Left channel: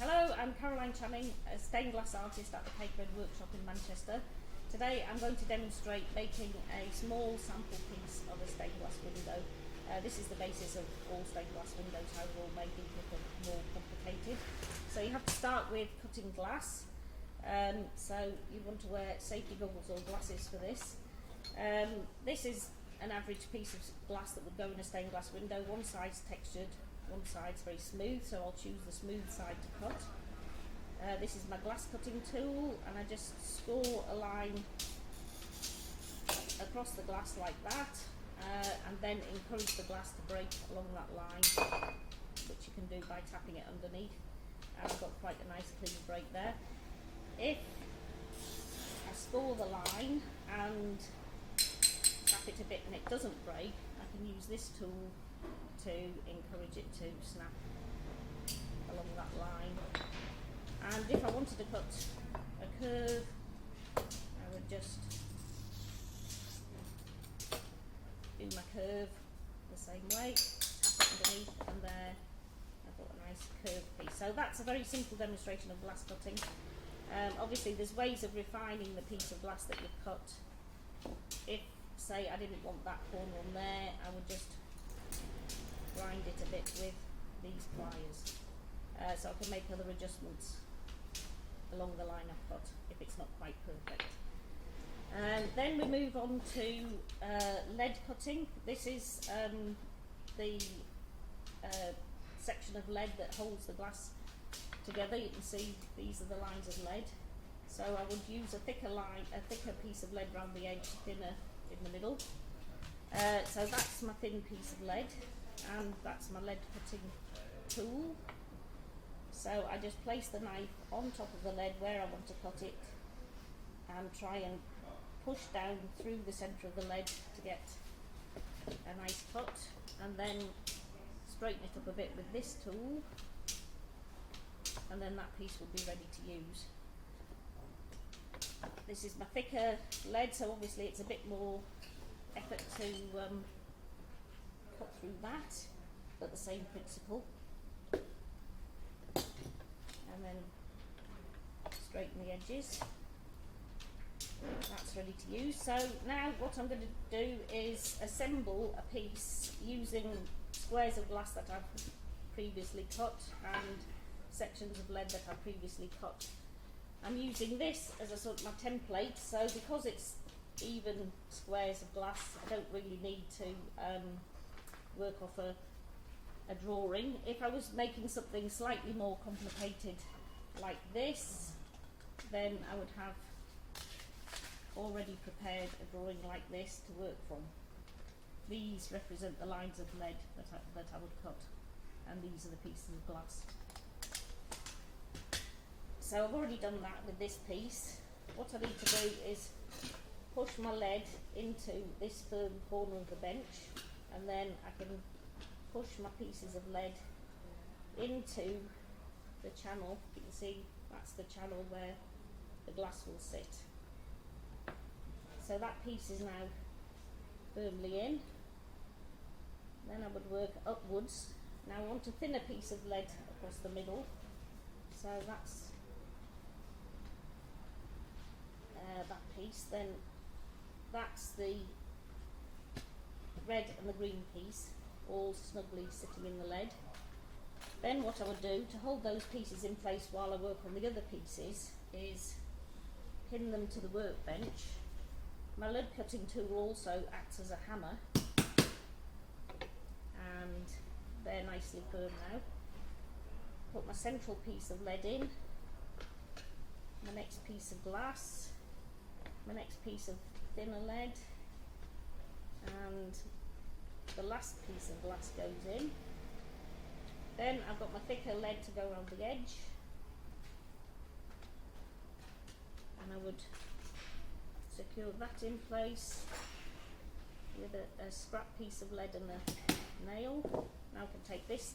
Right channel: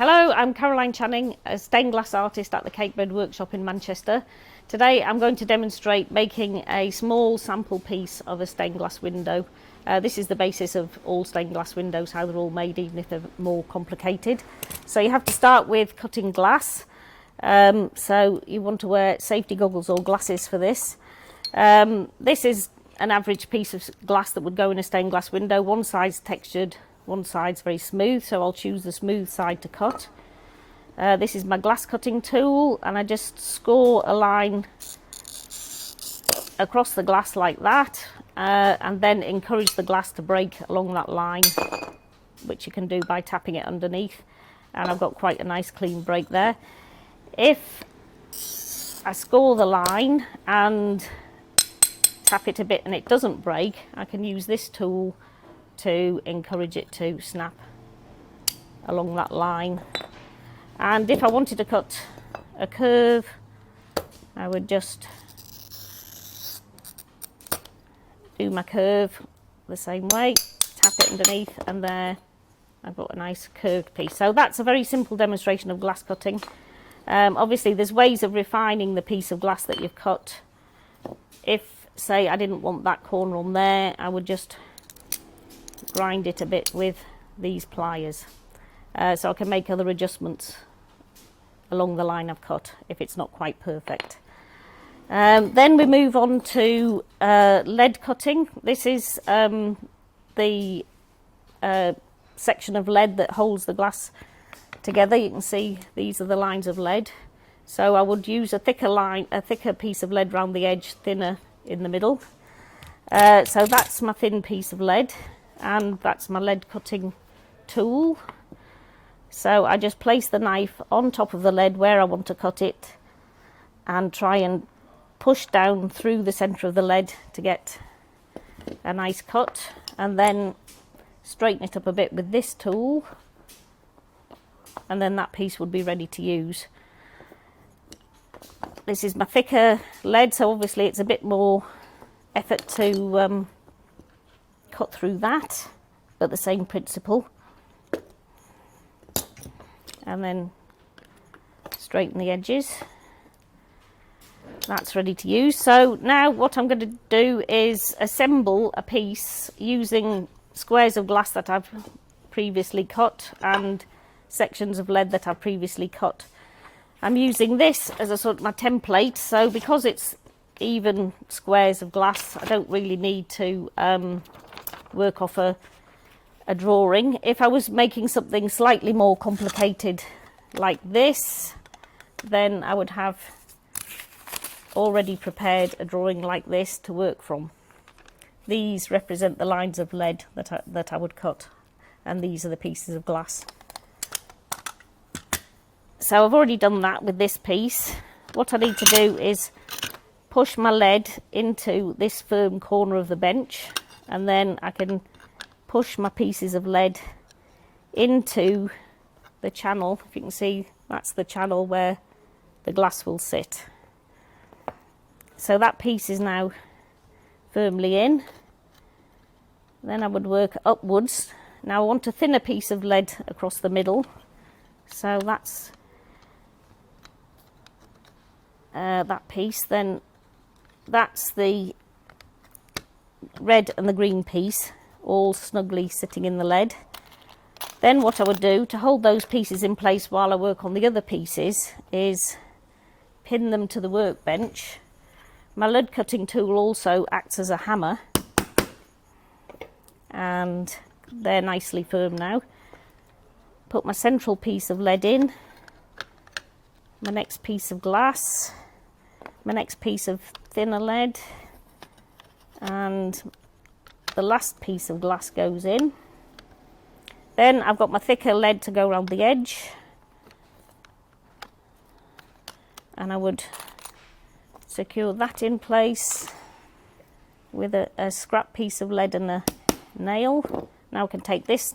Hello, I'm Caroline Channing, a stained glass artist at the Cakebread Workshop in Manchester. Today I'm going to demonstrate making a small sample piece of a stained glass window. This is the basis of all stained glass windows, how they're all made, even if they're more complicated. So you have to start with cutting glass. So you want to wear safety goggles or glasses for this. This is an average piece of glass that would go in a stained glass window. One side's textured, one side's very smooth, so I'll choose the smooth side to cut. This is my glass cutting tool, and I just score a line across the glass like that, and then encourage the glass to break along that line, which you can do by tapping it underneath, and I've got quite a nice clean break there. If I score the line and tap it a bit and it doesn't break, I can use this tool to encourage it to snap along that line. And if I wanted to cut a curve, I would just do my curve the same way, tap it underneath, and there I've got a nice curved piece. So that's a very simple demonstration of glass cutting. Obviously there's ways of refining the piece of glass that you've cut. If, say, I didn't want that corner on there, I would just grind it a bit with these pliers, so I can make other adjustments along the line I've cut if it's not quite perfect. Then we move on to lead cutting. This is the section of lead that holds the glass together. You can see these are the lines of lead, so I would use a thicker piece of lead round the edge, thinner in the middle. So that's my thin piece of lead, and that's my lead cutting tool. So I just place the knife on top of the lead where I want to cut it and try and push down through the centre of the lead to get a nice cut, and then straighten it up a bit with this tool, and then that piece would be ready to use. This is my thicker lead, so obviously it's a bit more effort to cut through that, but the same principle. And then straighten the edges. That's ready to use. So now what I'm going to do is assemble a piece using squares of glass that I've previously cut and sections of lead that I've previously cut. I'm using this as a sort of my template, so because it's even squares of glass, I don't really need to work off a drawing. If I was making something slightly more complicated like this, then I would have already prepared a drawing like this to work from. These represent the lines of lead that I would cut, and these are the pieces of glass. So I've already done that with this piece. What I need to do is push my lead into this firm corner of the bench, and then I can push my pieces of lead into the channel. If you can see, that's the channel where the glass will sit. So that piece is now firmly in. Then I would work upwards. Now I want a thinner piece of lead across the middle, so that's that piece. Then that's the red and the green piece, all snugly sitting in the lead. Then what I would do to hold those pieces in place while I work on the other pieces is pin them to the workbench. My lead cutting tool also acts as a hammer, and they're nicely firm now. Put my central piece of lead in, my next piece of glass, my next piece of thinner lead, and the last piece of glass goes in. Then I've got my thicker lead to go around the edge, and I would secure that in place with a scrap piece of lead and a nail. Now I can take this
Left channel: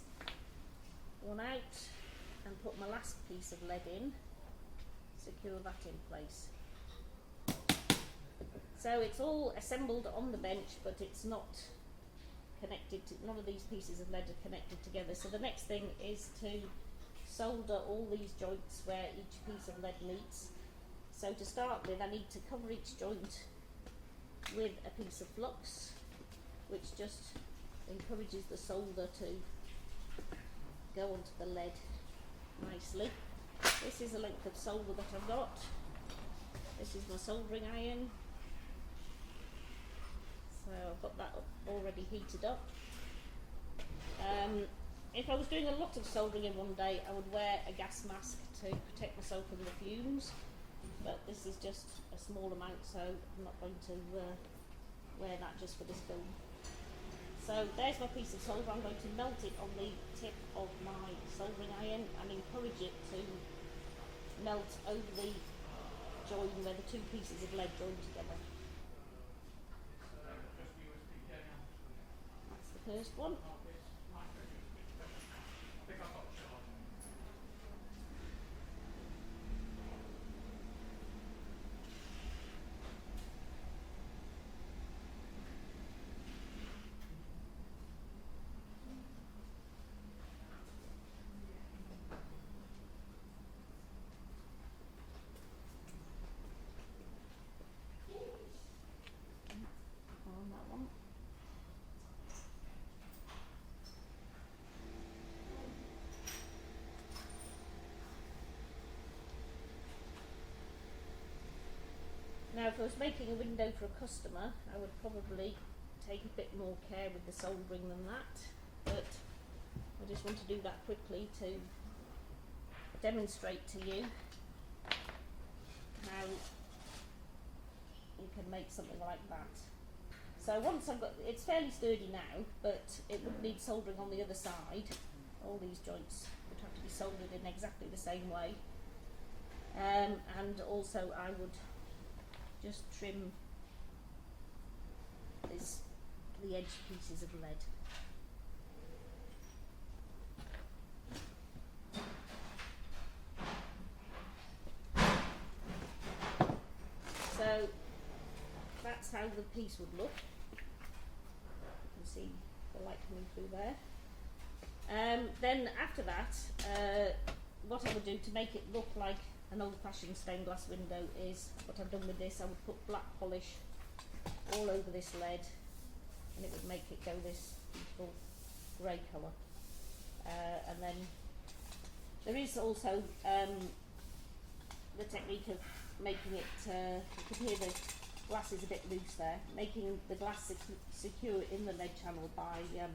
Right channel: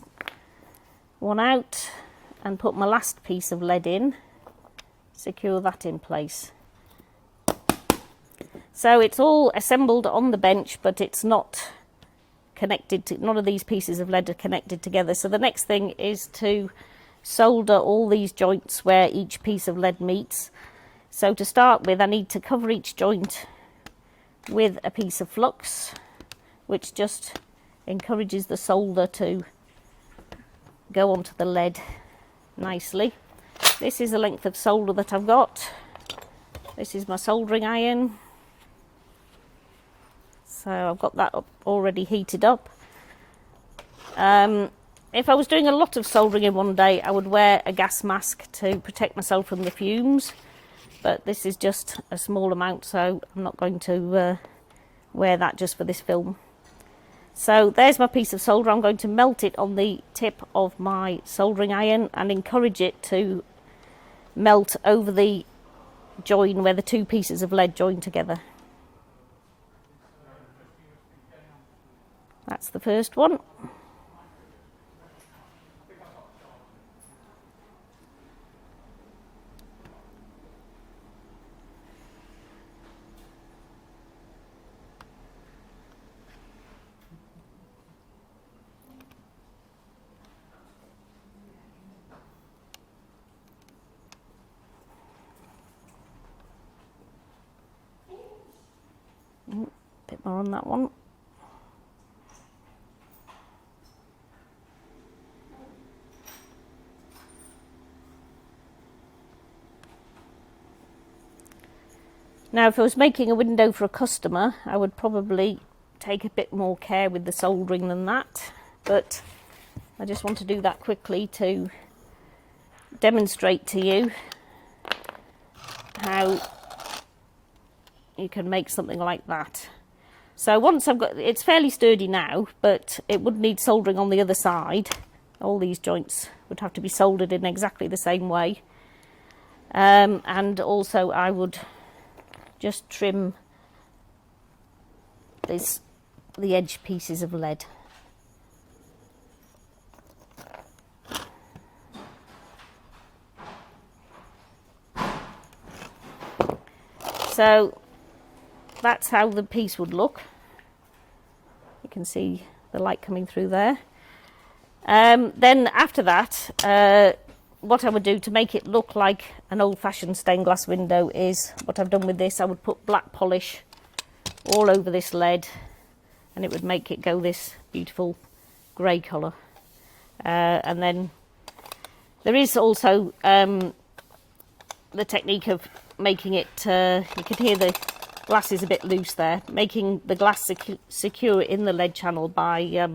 one out and put my last piece of lead in, secure that in place. So it's all assembled on the bench, but it's not connected to, none of these pieces of lead are connected together. So the next thing is to solder all these joints where each piece of lead meets. So to start with, I need to cover each joint with a piece of flux, which just encourages the solder to go onto the lead nicely. This is the length of solder that I've got. This is my soldering iron. So I've got that already heated up. If I was doing a lot of soldering in one day, I would wear a gas mask to protect myself from the fumes. But this is just a small amount, so I'm not going to wear that just for this film. So there's my piece of solder. I'm going to melt it on the tip of my soldering iron and encourage it to melt over the join where the two pieces of lead join together. That's the first one. Bit more on that one. Now, if I was making a window for a customer, I would probably take a bit more care with the soldering than that, but I just want to do that quickly to demonstrate to you how you can make something like that. So once I've got, it's fairly sturdy now, but it would need soldering on the other side. All these joints would have to be soldered in exactly the same way. And also I would just trim the edge pieces of lead. So that's how the piece would look. You can see the light coming through there. Then after that, what I would do to make it look like an old-fashioned stained glass window is what I've done with this. I would put black polish all over this lead, and it would make it go this beautiful grey colour. And then there is also the technique of making it, you can hear the glass is a bit loose there, making the glass secure in the lead channel by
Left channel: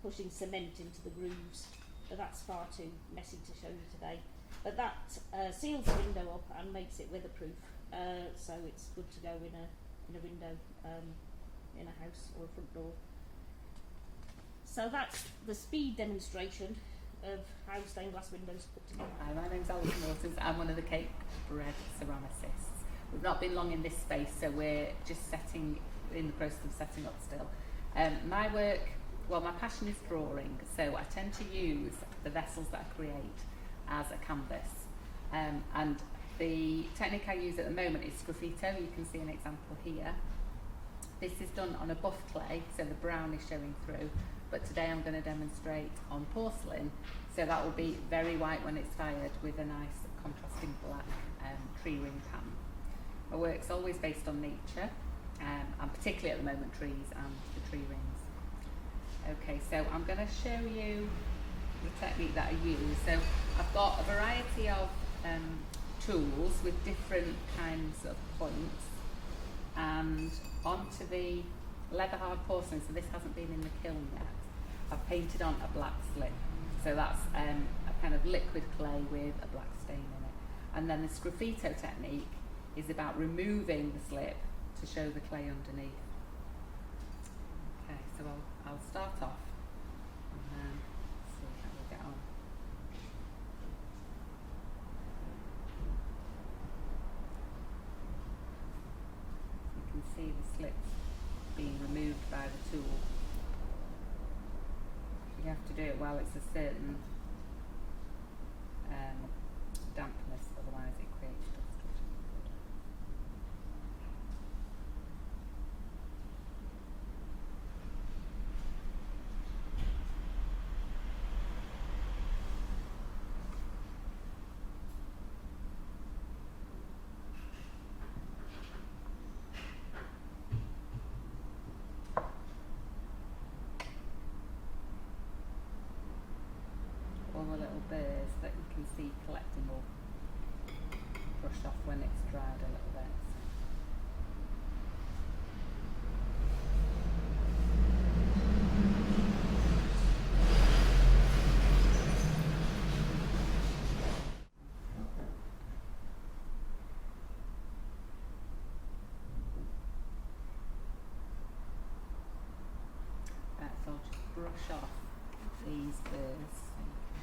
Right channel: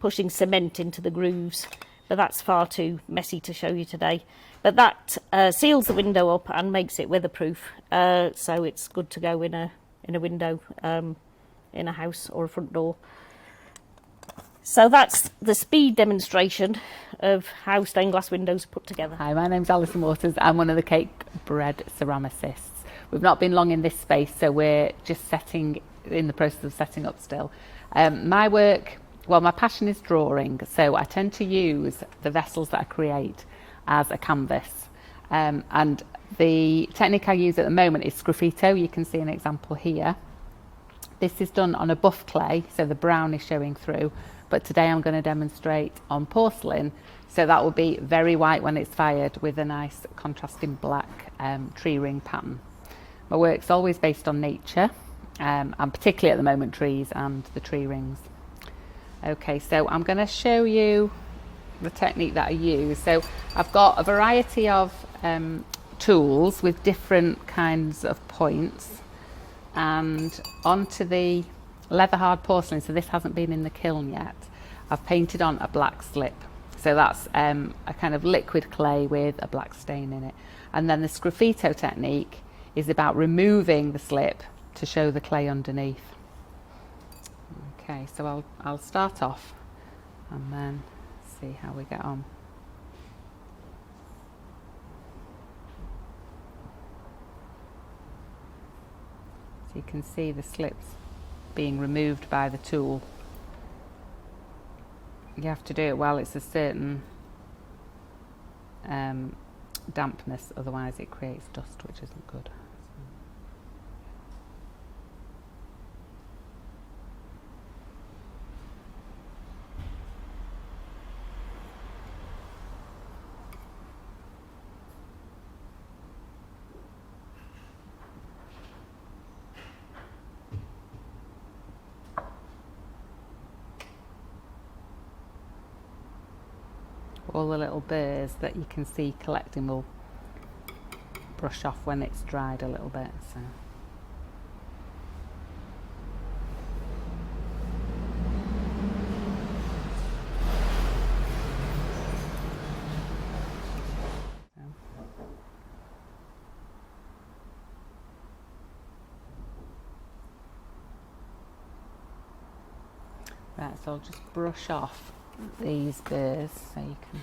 pushing cement into the grooves, but that's far too messy to show you today. But that seals the window up and makes it weatherproof, so it's good to go in a window in a house or a front door. So that's the speed demonstration of how stained glass windows are put together. Hi, my name's Alison Waters. I'm one of the Cakebread ceramicists. We've not been long in this space, so we're just in the process of setting up still. My work, well, my passion is drawing, so I tend to use the vessels that I create as a canvas. And the technique I use at the moment is sgraffito. You can see an example here. This is done on a buff clay, so the brown is showing through, but today I'm going to demonstrate on porcelain, so that will be very white when it's fired with a nice contrasting black tree ring pattern. My work's always based on nature, and particularly at the moment trees and the tree rings. Okay, so I'm going to show you the technique that I use. So I've got a variety of tools with different kinds of points, and onto the leather hard porcelain, so this hasn't been in the kiln yet, I've painted on a black slip. So that's a kind of liquid clay with a black stain in it. And then the sgraffito technique is about removing the slip to show the clay underneath. Okay, so I'll start off and then see how we get on. So you can see the slips being removed by the tool. You have to do it while it's a certain dampness, otherwise it creates dust, which isn't good. all the little burrs that you can see collecting will brush off when it's dried a little bit. So. Right, so I'll just brush off these burrs so you can.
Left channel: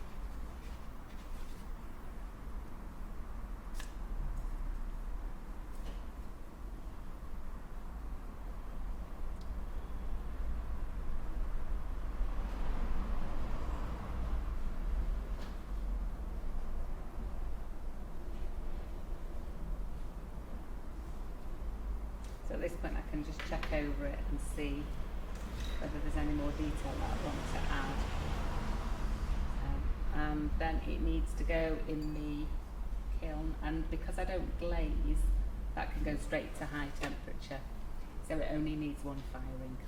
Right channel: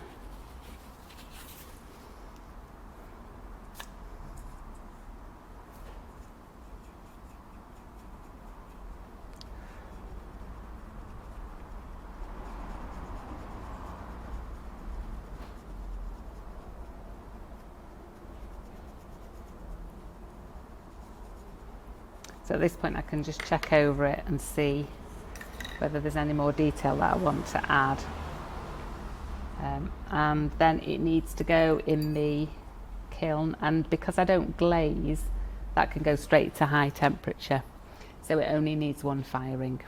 So at this point I can just check over it and see whether there's any more detail that I want to add. And then it needs to go in the kiln, and because I don't glaze, that can go straight to high temperature. So it only needs one firing.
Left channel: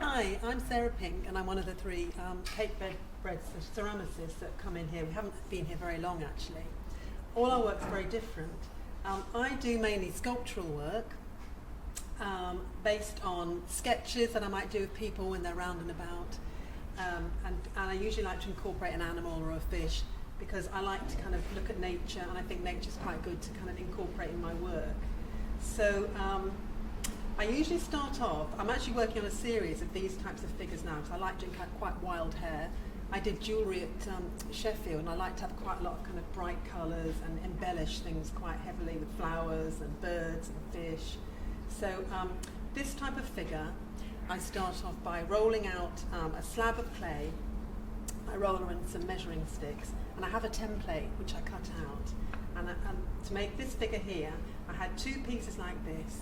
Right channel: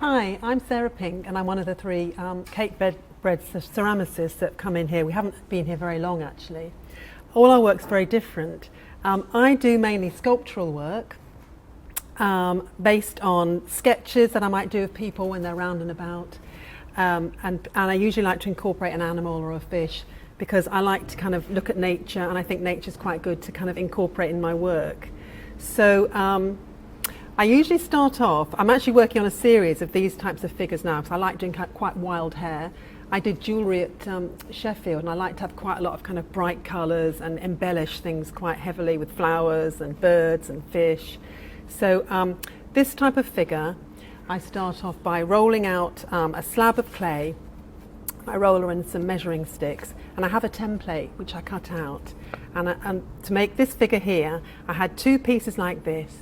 Hi, I'm Sarah Pink and I'm one of the three Cakebread ceramicists that come in here. We haven't been here very long actually. All our work's very different. I do mainly sculptural work based on sketches that I might do of people when they're round and about. And I usually like to incorporate an animal or a fish because I like to kind of look at nature, and I think nature's quite good to kind of incorporate in my work. So I usually start off, I'm actually working on a series of these types of figures now because I like doing quite wild hair. I did jewellery at Sheffield, and I like to have quite a lot of kind of bright colours and embellish things quite heavily with flowers and birds and fish. So this type of figure, I start off by rolling out a slab of clay. I roll her in some measuring sticks, and I have a template which I cut out. And to make this figure here, I had two pieces like this,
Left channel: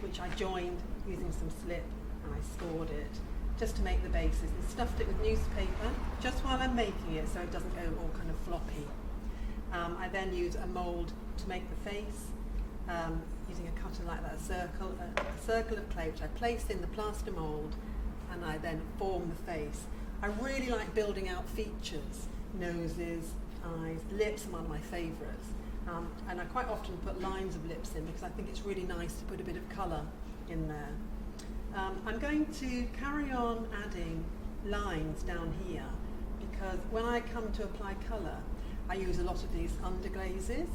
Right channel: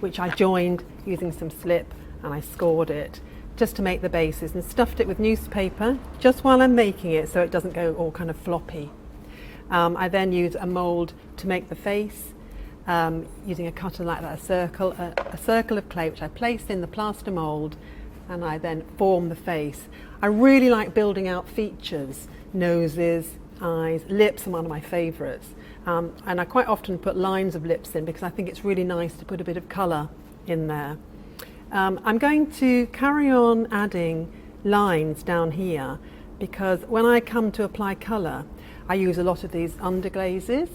which I joined using some slip, and I scored it just to make the bases, and stuffed it with newspaper just while I'm making it so it doesn't go all kind of floppy. I then use a mould to make the face, using a cutter like that, a circle of clay which I place in the plaster mould, and I then form the face. I really like building out features, noses, eyes, lips are one of my favourites, and I quite often put lines of lips in because I think it's really nice to put a bit of colour in there. I'm going to carry on adding lines down here because when I come to apply colour, I use a lot of these underglazes,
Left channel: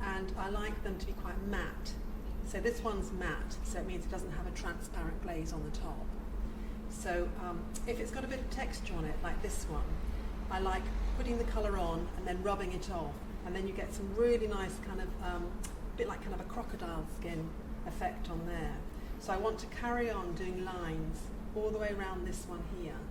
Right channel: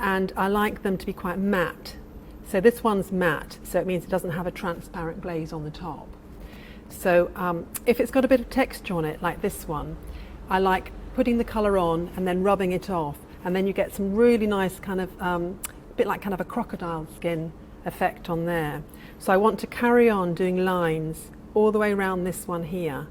and I like them to be quite matte. So this one's matte, so it means it doesn't have a transparent glaze on the top. So if it's got a bit of texture on it, like this one, I like putting the colour on and then rubbing it off, and then you get some really nice kind of, bit like kind of a crocodile skin effect on there. So I want to carry on doing lines all the way around this one here.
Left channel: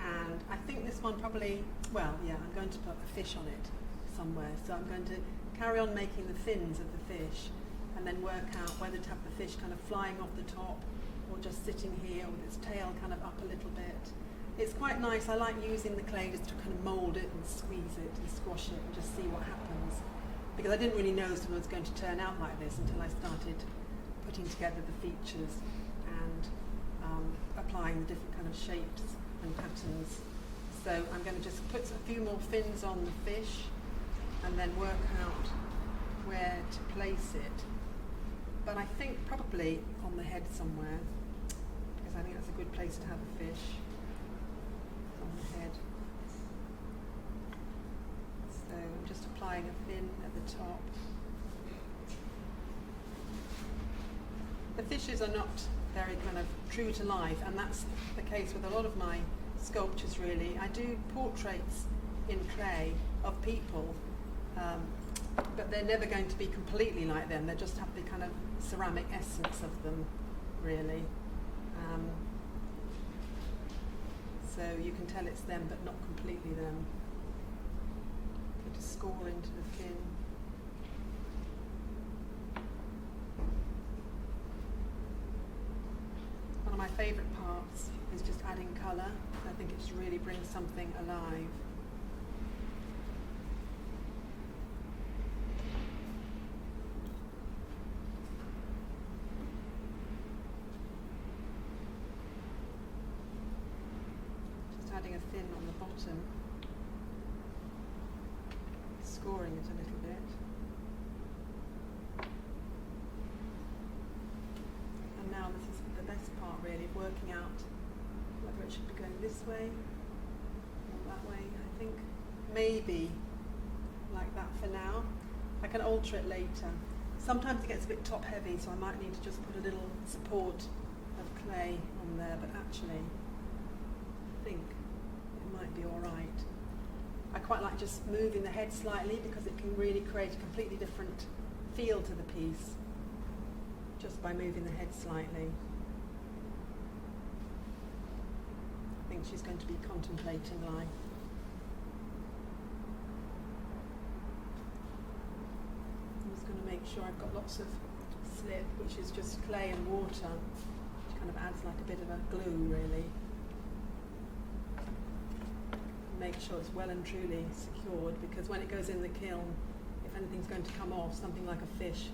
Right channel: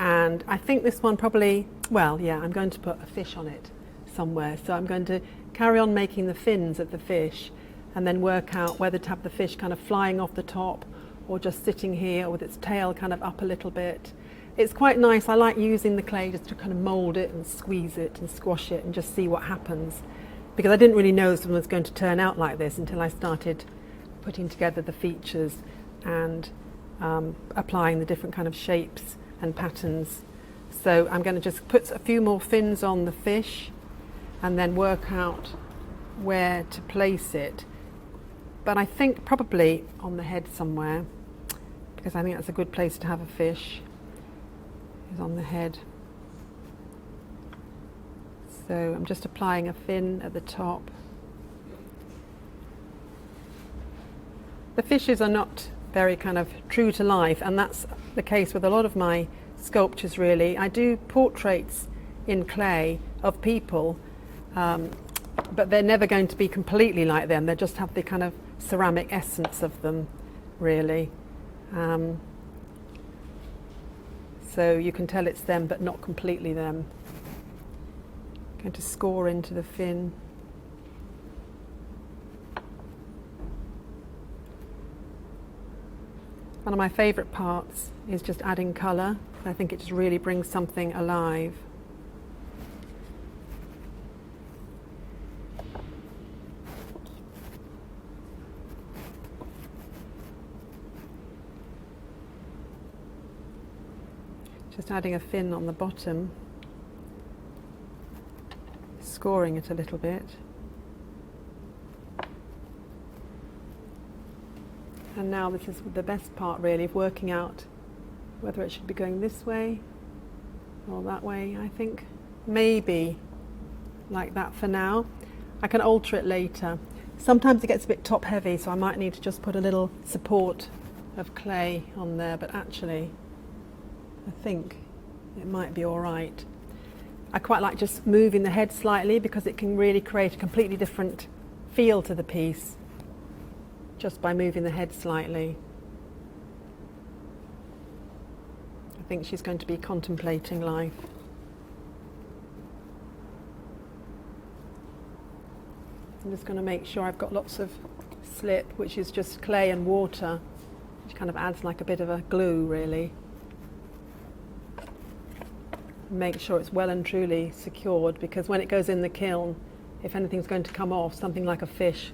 And I think this one probably, well, yeah, I'm going to put a fish on it somewhere. So I'm going to carry on making the fins of the fish and then work out whether to have the fish kind of flying off the top or just sitting here or with its tail kind of up a little bit. It's quite nice. I like using the clay just to kind of mould it and squeeze it and squash it and just see what happens. Because I didn't really know this one was going to turn out like this until I started putting together the features and applying the different kind of shapes and patterns. So I'm going to just put a few more fins on the fish and then work out where to place it. But I think probably on the head somewhere, because I think that's a good place to have a fish, is on the head. So I'm just applying a fin at the top. The fishes are not very kind of true to life, and that's the case with a lot of my sculptures really. I do portraits in clay of people, but they're never going to be completely like them. They just have the kind of ceramic essence of them, really. So you can tell it's them, but not completely them. I'm going to score into the fin. One of my favourite parts is just adding colour. I think it just really brings something alive. Just adding a fin on the bottom, scoring it a little bit. And now this is the best part really, of working out whether it should be going this way or that way. I think maybe like that for now. I can alter it later. Sometimes it gets a bit top heavy, so I might need to just put a little support of clay on there, but actually I think it might be all right. I quite like just moving the head slightly because it can really create a completely different feel to the piece just by moving the head slightly. I think she's going to be contemplating life. I'm just going to make sure I've got lots of slip, which is just clay and water, which kind of adds like a bit of a glue really. Make sure it's well and truly secured, because when it goes in the kiln, if anything's going to come off, something like a fish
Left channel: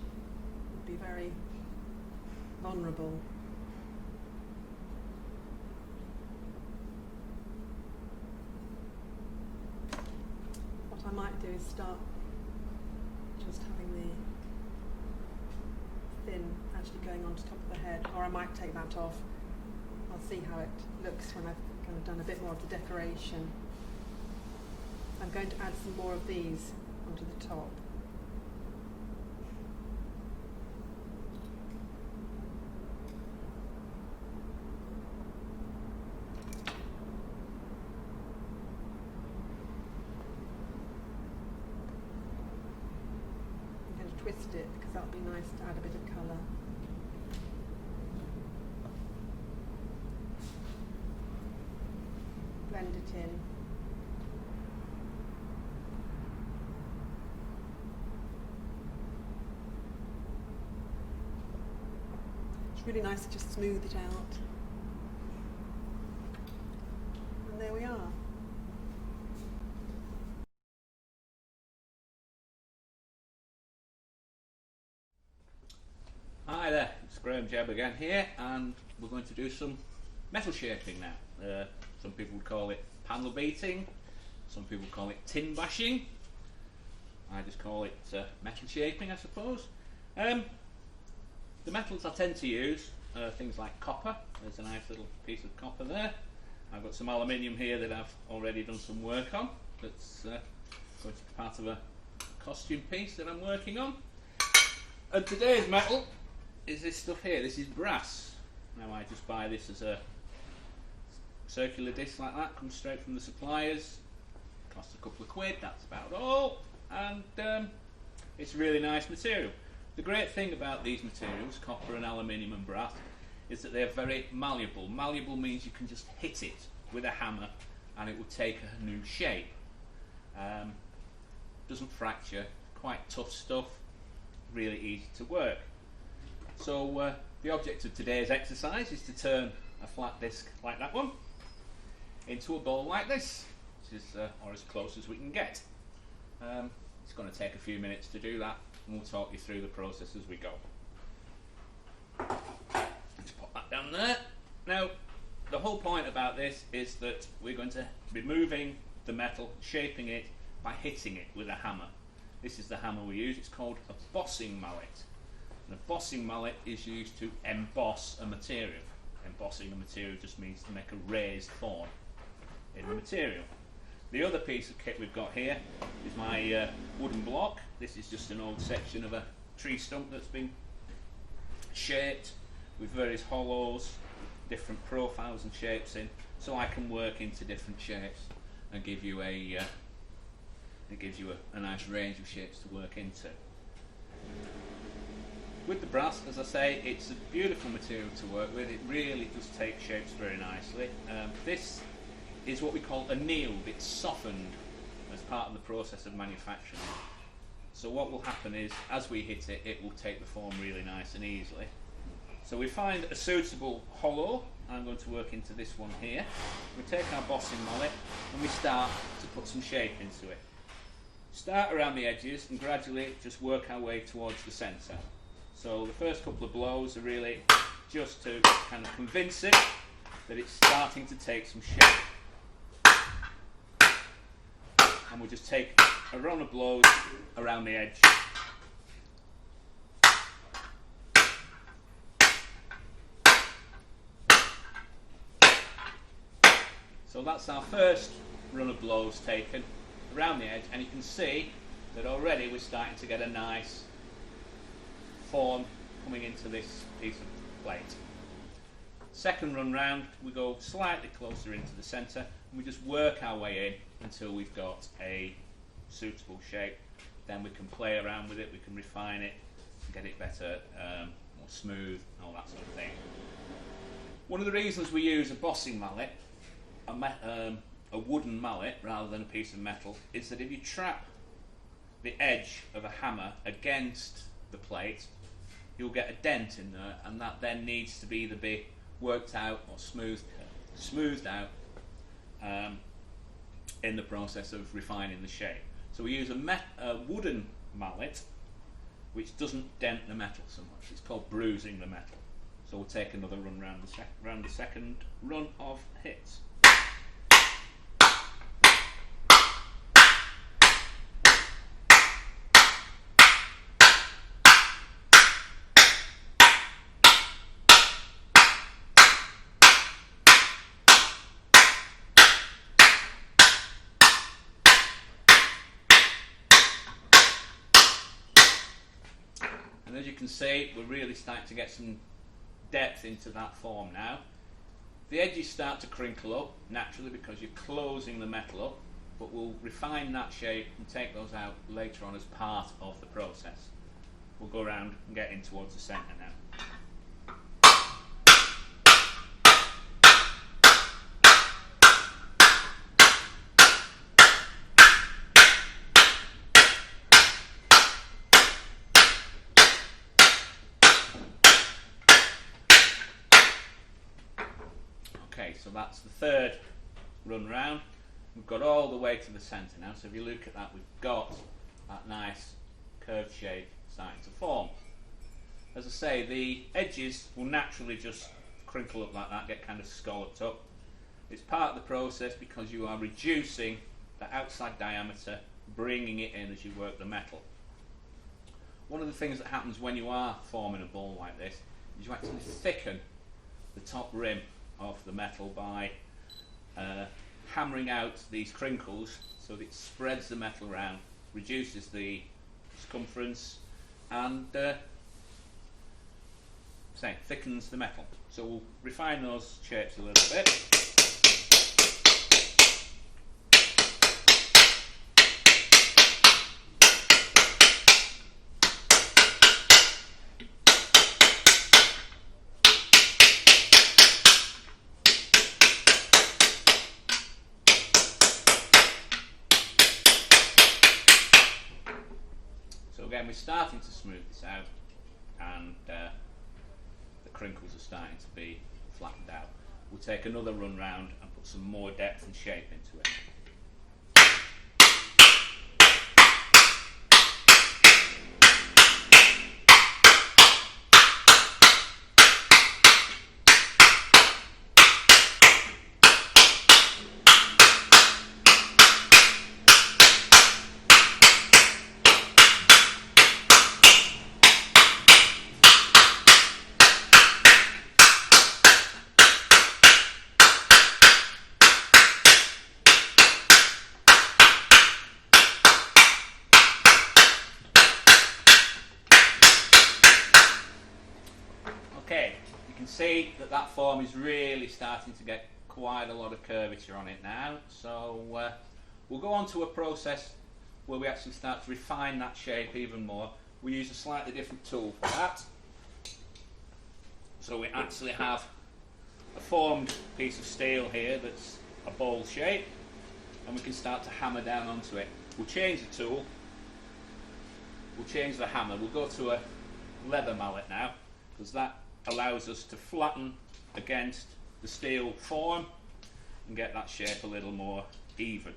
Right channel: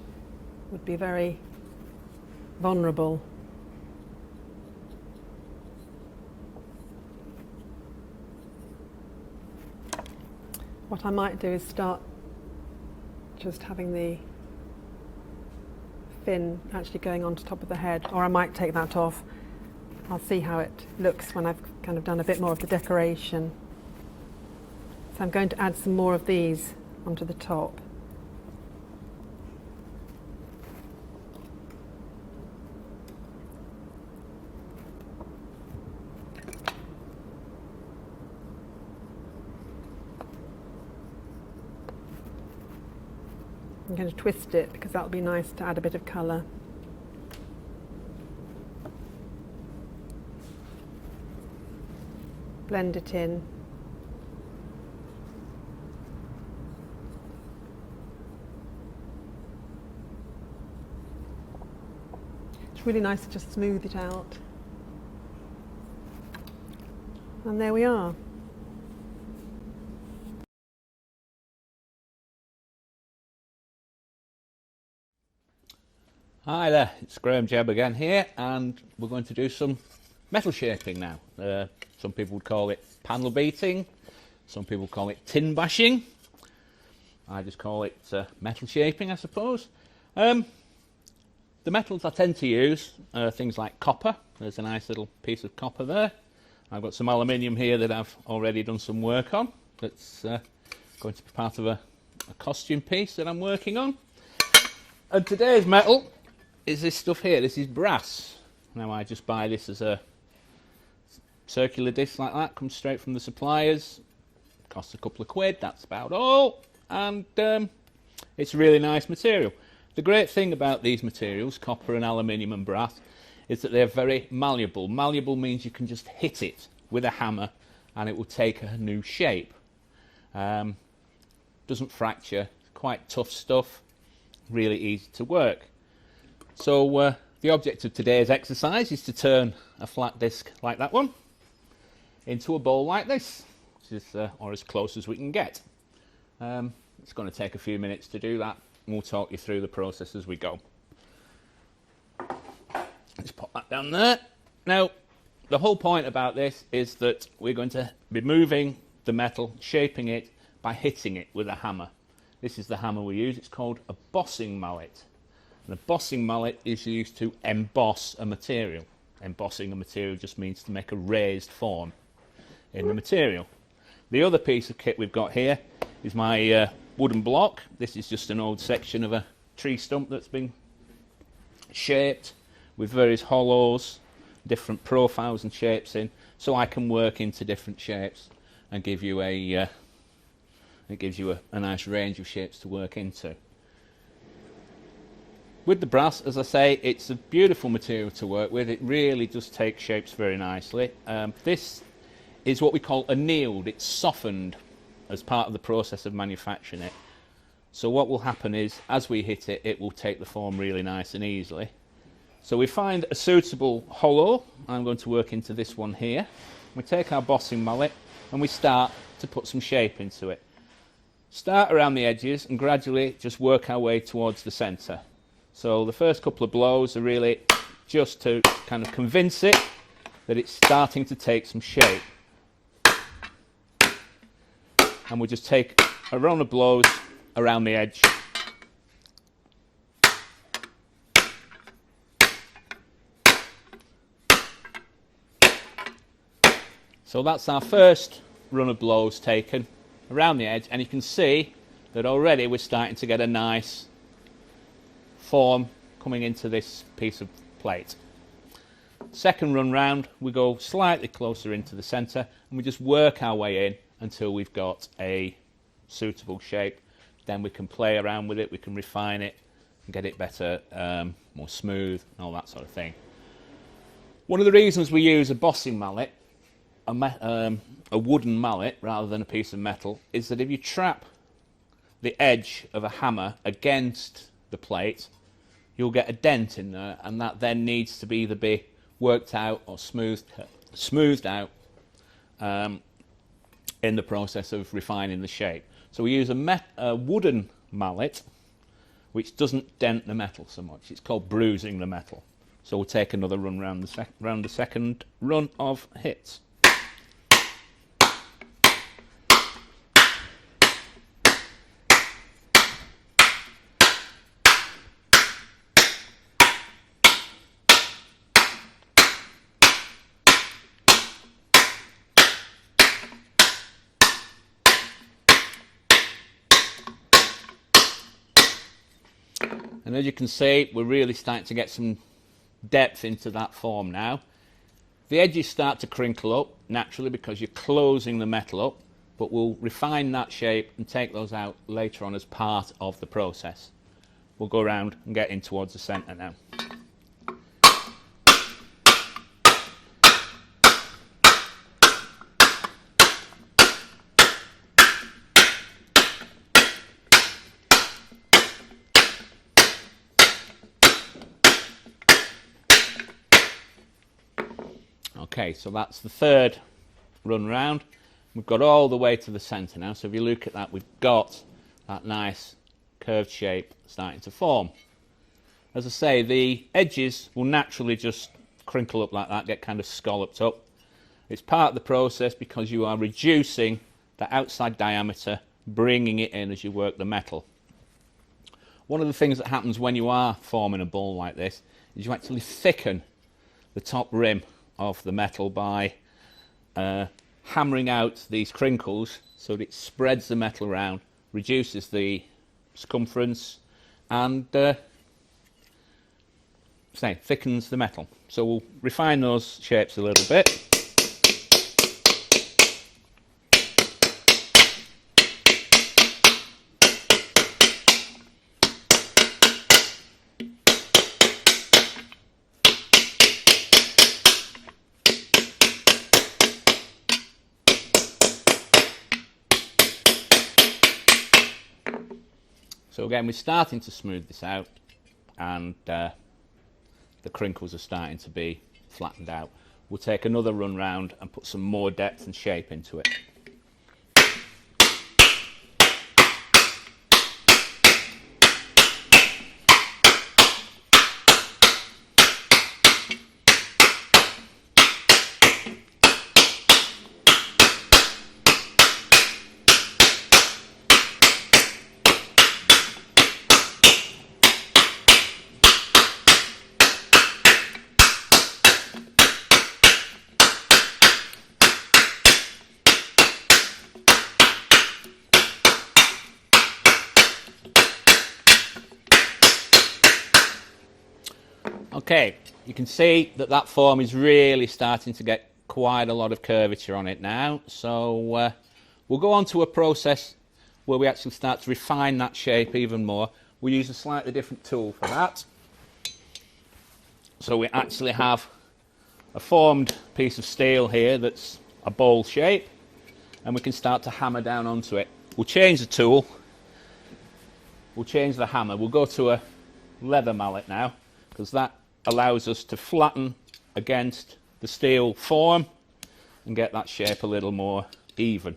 would be very vulnerable. What I might do is start just having the fin actually going on top of the head, or I might take that off. I'll see how it looks when I've kind of done a bit more of the decoration. So I'm going to add some more of these onto the top. I'm going to twist it because that'll be nice to add a bit of colour. Blend it in. It's really nice to just smooth it out. And there we are. Hi there, it's Graham Jebb again here, and we're going to do some metal shaping now. Some people would call it panel beating, some people call it tin bashing. I just call it metal shaping, I suppose. The metals I tend to use are things like copper. There's a nice little piece of copper there. I've got some aluminium here that I've already done some work on. That's going to be part of a costume piece that I'm working on. And today's metal is this stuff here. This is brass. Now I just buy this as a circular disc like that, comes straight from the suppliers, costs a couple of quid, that's about all, and it's a really nice material. The great thing about these materials, copper and aluminium and brass, is that they're very malleable. Malleable means you can just hit it with a hammer and it will take a new shape. Doesn't fracture, quite tough stuff, really easy to work. So the object of today's exercise is to turn a flat disc like that one into a bowl like this, which is, or as close as we can get. It's going to take a few minutes to do that, and we'll talk you through the process as we go. Let's pop that down there. Now, the whole point about this is that we're going to be moving the metal, shaping it by hitting it with a hammer. This is the hammer we use. It's called a bossing mallet. And a bossing mallet is used to emboss a material. Embossing a material just means to make a raised form in the material. The other piece of kit we've got here is my wooden block. This is just an old section of a tree stump that's been shaped with various hollows, different profiles and shapes in, so I can work into different shapes and give you a it gives you a nice range of shapes to work into. With the brass, as I say, it's a beautiful material to work with. It really does take shapes very nicely. This is what we call annealed. It's softened as part of the process of manufacturing it. So what will happen is, as we hit it, it will take the form really nice and easily. So we find a suitable hollow. I'm going to work into this one here. We take our bossing mallet and we start to put some shape into it. Start around the edges and gradually just work our way towards the centre. So the first couple of blows are really just to kind of convince it that it's starting to take some shape. and we'll just take a round of blows around the edge. So that's our first run of blows taken around the edge, and you can see that already we're starting to get a nice form coming into this piece of plate. Second run round, we go slightly closer into the centre and we just work our way in until we've got a suitable shape. Then we can play around with it, we can refine it and get it better, more smooth and all that sort of thing. One of the reasons we use a bossing mallet, a wooden mallet rather than a piece of metal, is that if you trap the edge of a hammer against the plate, you'll get a dent in there, and that then needs to either be worked out or smoothed out in the process of refining the shape. So we use a wooden mallet which doesn't dent the metal so much. It's called bruising the metal. So we'll take another run round the second run of hits. And as you can see, we're really starting to get some depth into that form now. The edges start to crinkle up naturally because you're closing the metal up, but we'll refine that shape and take those out later on as part of the process. We'll go around and get in towards the centre now. Okay, so that's the third run round. We've got all the way to the centre now, so if you look at that, we've got that nice curved shape starting to form. As I say, the edges will naturally just crinkle up like that, get kind of scalloped up. It's part of the process because you are reducing the outside diameter, bringing it in as you work the metal. One of the things that happens when you are forming a ball like this is you actually thicken the top rim of the metal by hammering out these crinkles so that it spreads the metal around, reduces the circumference and thickens the metal. So we'll refine those shapes a little bit. So again, we're starting to smooth this out, and the crinkles are starting to be flattened out. We'll take another run round and put some more depth and shape into it. Okay, you can see that that form is really starting to get quite a lot of curvature on it now. So we'll go on to a process where we actually start to refine that shape even more. We use a slightly different tool for that. So we actually have a formed piece of steel here that's a bowl shape, and we can start to hammer down onto it. We'll change the tool, we'll change the hammer. We'll go to a leather mallet now, because that allows us to flatten against the steel form and get that shape a little more even.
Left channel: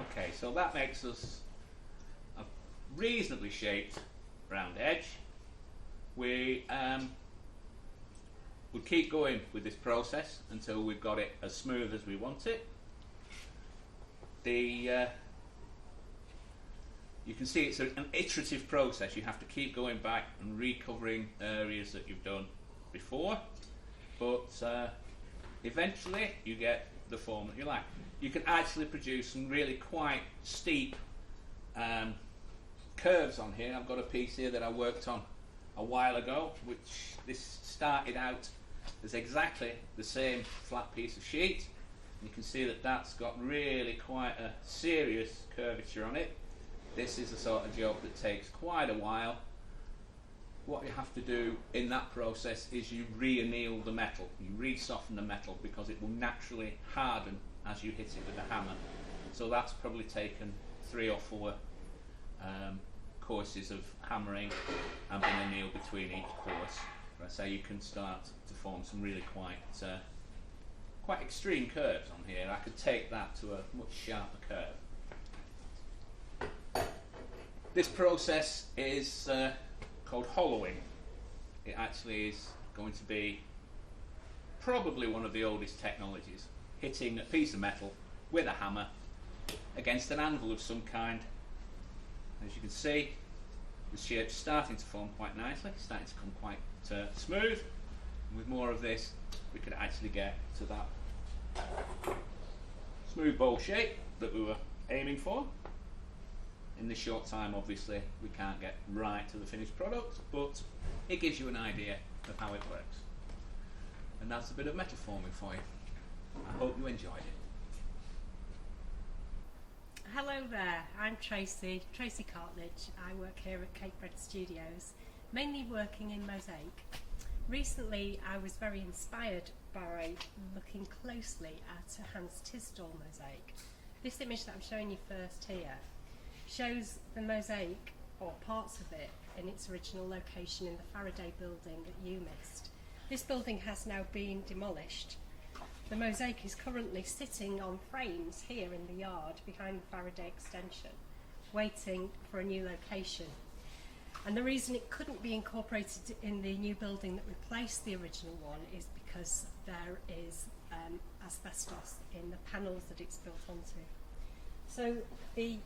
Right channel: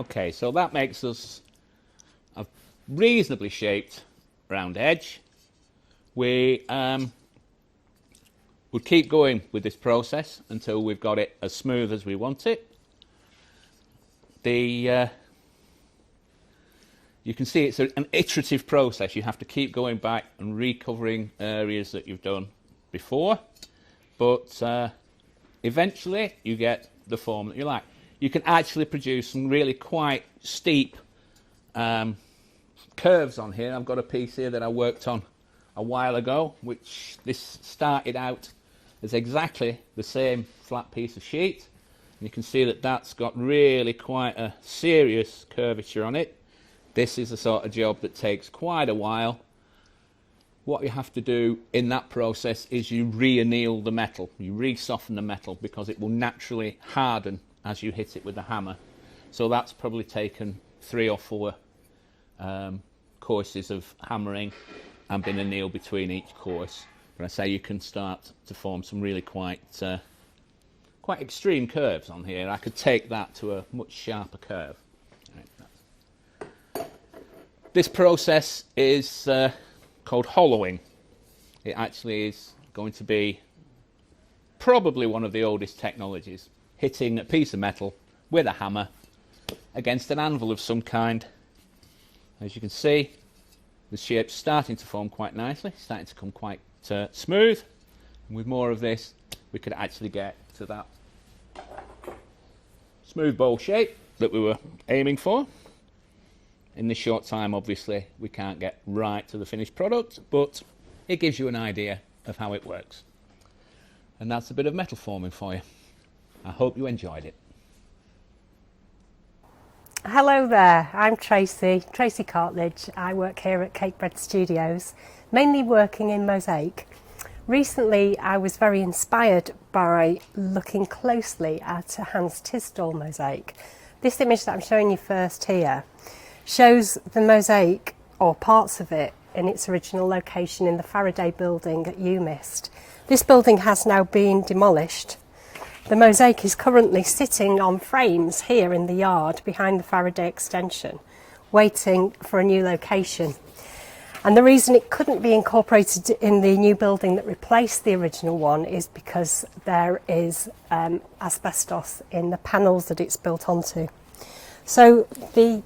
Okay, so that makes us a reasonably shaped round edge. We would keep going with this process until we've got it as smooth as we want it. You can see it's an iterative process. You have to keep going back and recovering areas that you've done before, but eventually you get the form that you like. You can actually produce some really quite steep curves on here. I've got a piece here that I worked on a while ago, which this started out as exactly the same flat piece of sheet. You can see that that's got really quite a serious curvature on it. This is the sort of job that takes quite a while. What you have to do in that process is you re-anneal the metal, you re-soften the metal, because it will naturally harden as you hit it with the hammer. So that's probably taken 3 or 4 courses of hammering and been annealed between each course. But I say you can start to form some really quite extreme curves on here. I could take that to a much sharper curve. This process is called hollowing. It actually is going to be probably one of the oldest technologies, hitting a piece of metal with a hammer against an anvil of some kind. As you can see, the shape's starting to form quite nicely, starting to come quite smooth. And with more of this, we could actually get to that smooth bowl shape that we were aiming for. In this short time, obviously, we can't get right to the finished product, but it gives you an idea of how it works. And that's a bit of metal forming for you. I hope you enjoyed it. Hello there, I'm Tracy Cartledge. I work here at Cakebread Studios, mainly working in Mosaic. Recently I was very inspired by looking closely at a Hans Tisdall mosaic. This image that I'm showing you first here shows the mosaic, or parts of it, in its original location in the Faraday building at UMIST. This building has now been demolished. The mosaic is currently sitting on frames here in the yard behind the Faraday extension, waiting for a new location. And the reason it couldn't be incorporated in the new building that replaced the original one is because there is asbestos in the panels that it's built onto. So the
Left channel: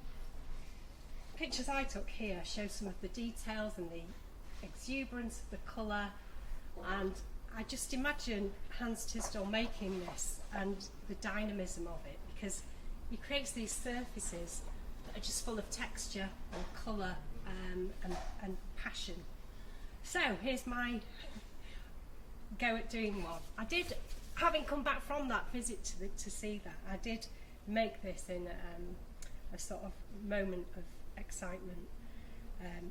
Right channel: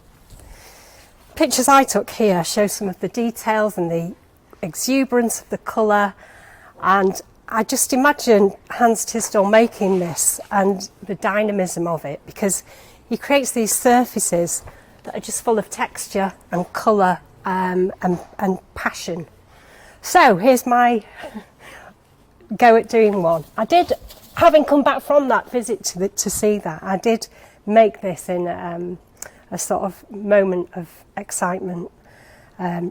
pictures I took here show some of the details and the exuberance of the colour, and I just imagine Hans Tisdall making this and the dynamism of it, because he creates these surfaces that are just full of texture and colour and passion. So here's my go at doing one. I did, having come back from that visit to see that, I did make this in a sort of moment of excitement,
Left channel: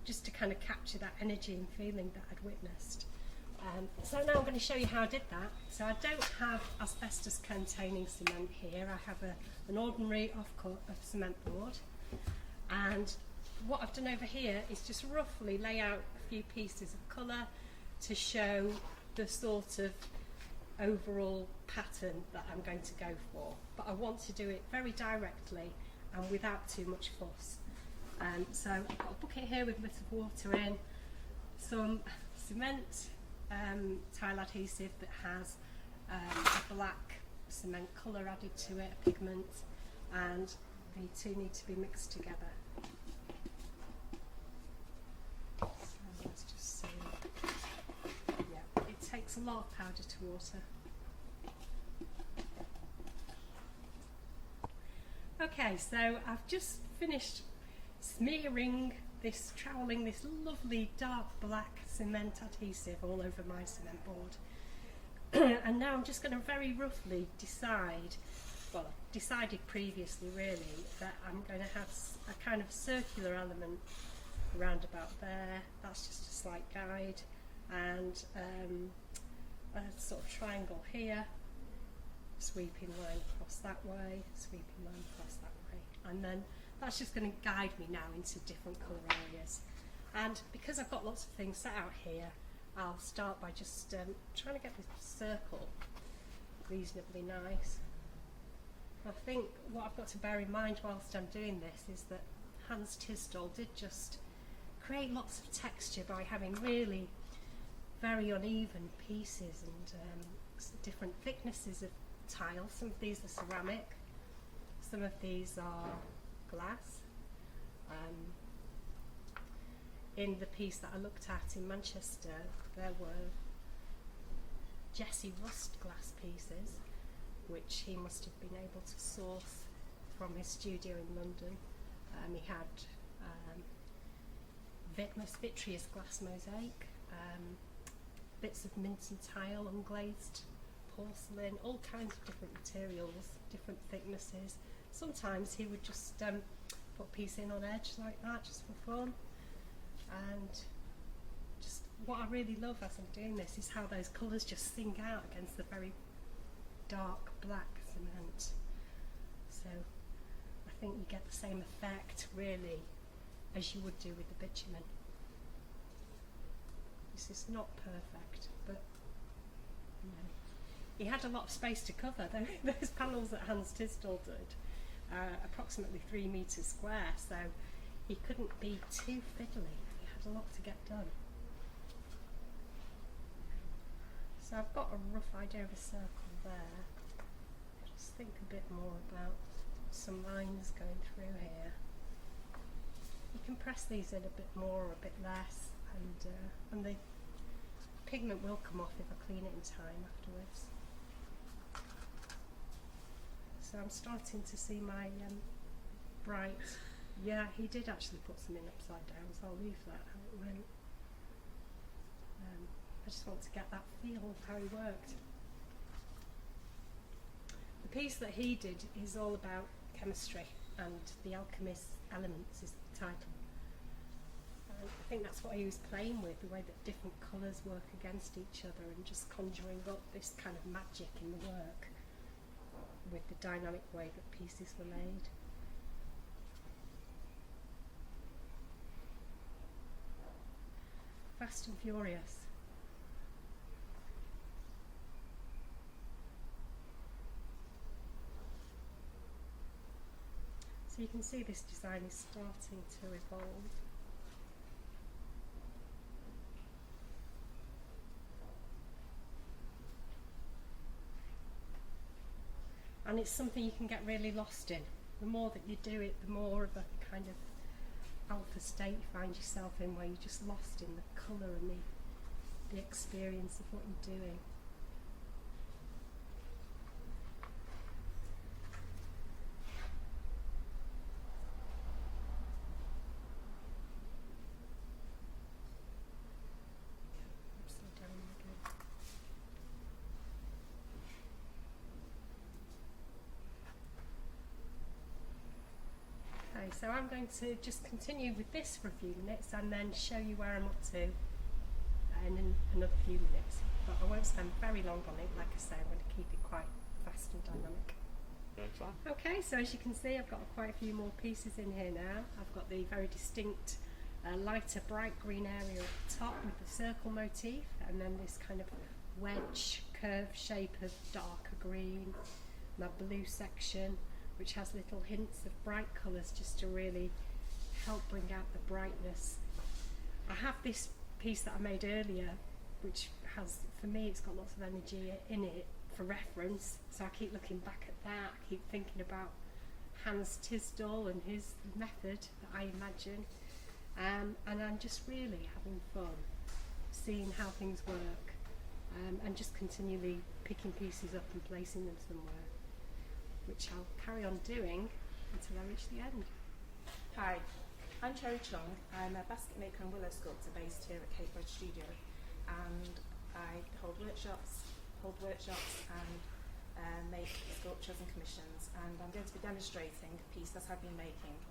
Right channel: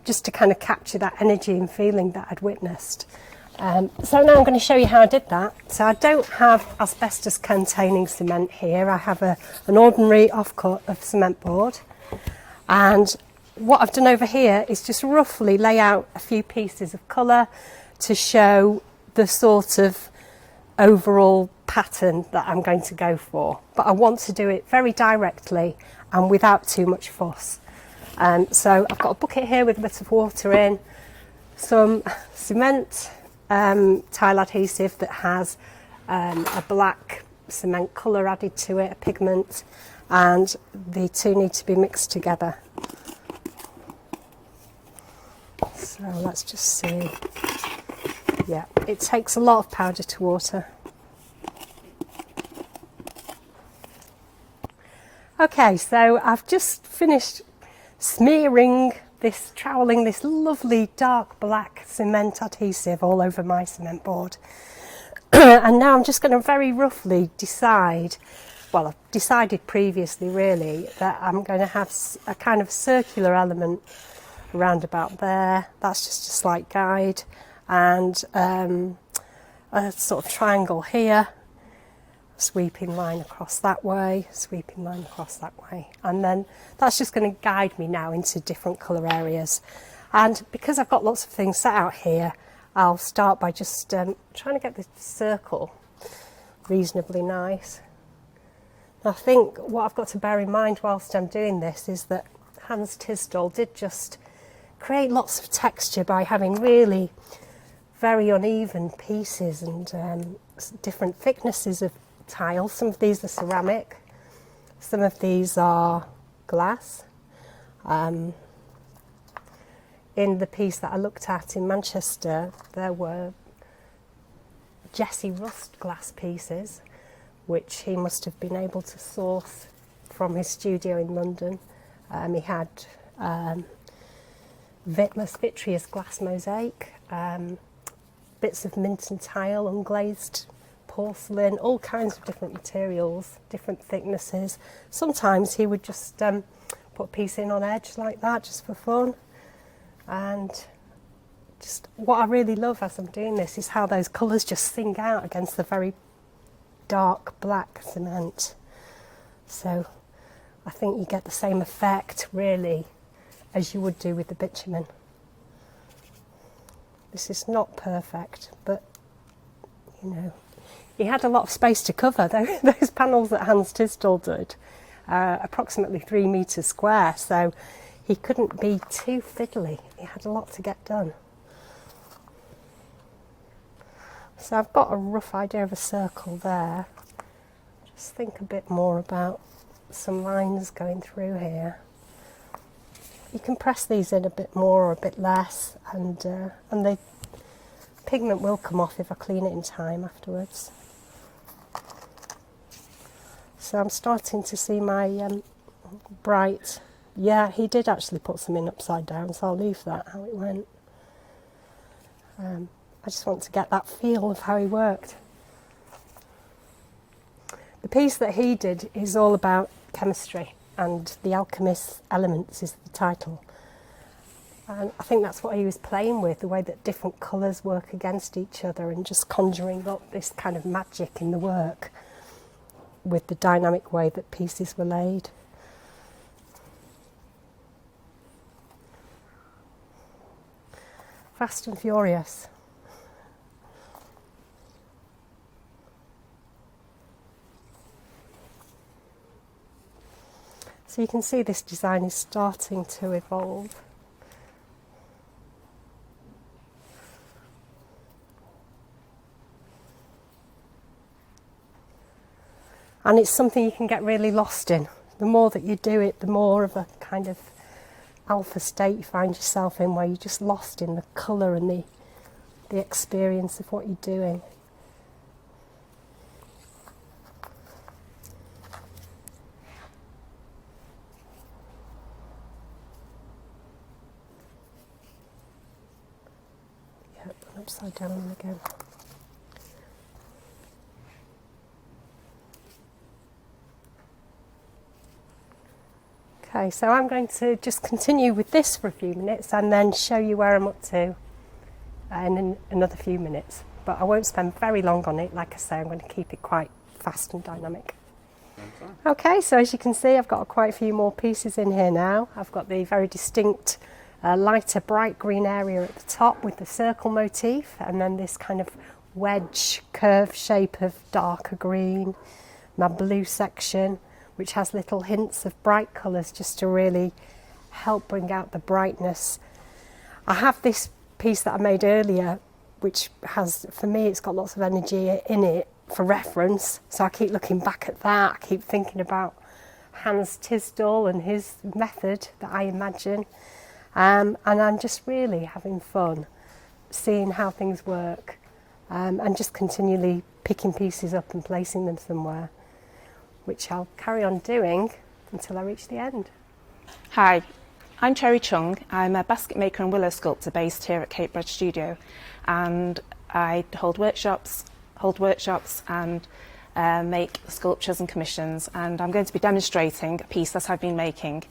just to kind of capture that energy and feeling that I'd witnessed. So now I'm going to show you how I did that. So I don't have asbestos containing cement here. I have an ordinary offcut of cement board, and what I've done over here is just roughly lay out a few pieces of colour to show the sort of overall pattern that I'm going to go for. But I want to do it very directly and without too much fuss. So I've got a bucket here with a bit of water in, some cement tile adhesive that has a black cement colour added to it, a pigment, and the two need to be mixed together. So let's just see. Yeah, it takes a lot of powder to water. Okay, so I've just finished smearing this, troweling this lovely dark black cement adhesive all over my cement board. And now I'm just going to very roughly decide, well, I've decided previously really, that I'm going to have a kind of circular element around about there. That's just a slight guide, and a sort of triangle here, sweeping line across that way, sweeping line across that way, and then that's just going to guide me now into different colour areas. And because I've got lots of things set out here, I'll start by just trying to get the circle reasonably nice. I think what I've got to bear in mind whilst I'm doing this is that Hans Tisdall did just create lots of texture by having really very uneven pieces and different thicknesses of tile. Some of these are ceramic, some of these are glass. In the piece that I looked at in Manchester, there were Jesse Rust glass pieces, which he must have been able to source from his studio in London. He had vitreous glass mosaic, bits of mint and tile, unglazed porcelain, all kinds of different materials, different thicknesses. Sometimes he would just put a piece in on edge like that, just for fun. And just what I really love as I'm doing this is how those colours just sing out against the very dark black cement. So I think you get the same effect really as you would do with the bitumen. This is not perfect, but you know, he had a lot of space to cover. Those panels that Hans Tisdall did, approximately 3 metres square, so he couldn't be too fiddly. He had a lot to get done. So I've got a rough idea of a circle there. Just think a bit more about some lines going through here. You can press these in a bit more or a bit less, and the pigment will come off if I clean it in time afterwards. So I'm starting to see my bright. Yeah, he did actually put some in upside down, so I'll leave that how it went. I just want to get that feel of how he worked. The piece that he did is all about chemistry, and The Alchemist's Elements is the title. And I think that's what he was playing with, the way that different colours work against each other and just conjuring up this kind of magic in the work with the dynamic way that pieces were laid. Fast and Furious. So you can see this design is starting to evolve. And it's something you can get really lost in. The more that you do it, the more of a kind of alpha state you find yourself in, where you're just lost in the colour and the experience of what you're doing. Yep, upside down again. Okay, so I'm going to just continue with this for a few minutes and then show you where I'm up to in another few minutes. But I won't spend very long on it. Like I say, I'm going to keep it quite fast and dynamic. Okay, so as you can see, I've got quite a few more pieces in here now. I've got the very distinct lighter bright green area at the top with the circle motif, and then this kind of wedge curve shape of darker green, my blue section, which has little hints of bright colours just to really help bring out the brightness. I have this piece that I made earlier, which has, for me, it's got lots of energy in it for reference, so I keep looking back at that. I keep thinking about Hans Tisdall and his method that I imagine, and I'm just really having fun seeing how things work, and just continually picking pieces up and placing them somewhere, which I'll carry on doing until I reach the end. Hi, I'm Cherry Chung. I'm a basket maker and willow sculptor based here at Cakebread Studio, and I hold workshops and make sculptures and commissions, and I'm going to be demonstrating a piece that I've been making.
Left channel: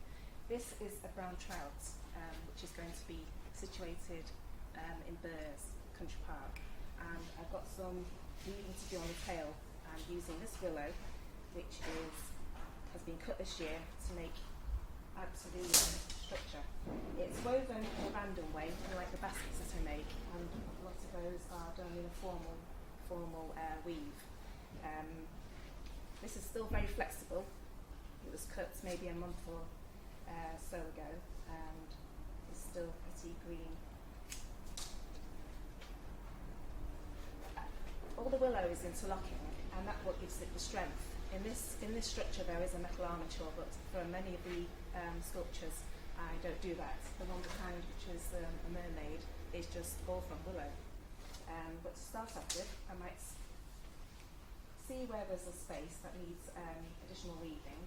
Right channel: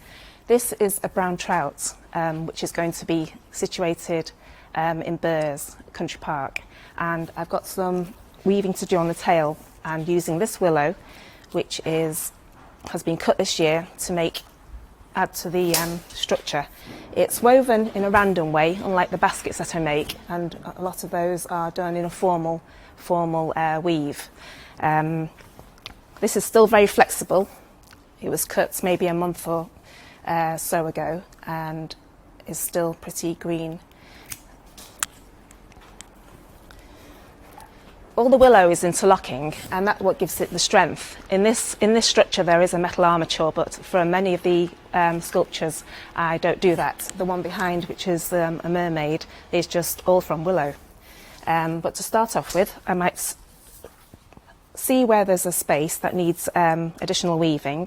This is a brown trout, which is going to be situated in Burrs Country Park, and I've got some weaving to do on the tail, and using this willow, which has been cut this year to add to the structure. It's woven in a random way, unlike the baskets that I make, and a lot of those are done in a formal weave. This is still very flexible. It was cut maybe a month or so ago and is still pretty green. All the willow is interlocking, and that's what gives it the strength. In this structure there is a metal armature, but for many of the sculptures I don't do that. The one behind, which is a mermaid, is just all from willow. But to start off with, I might see where there's a space that needs additional weaving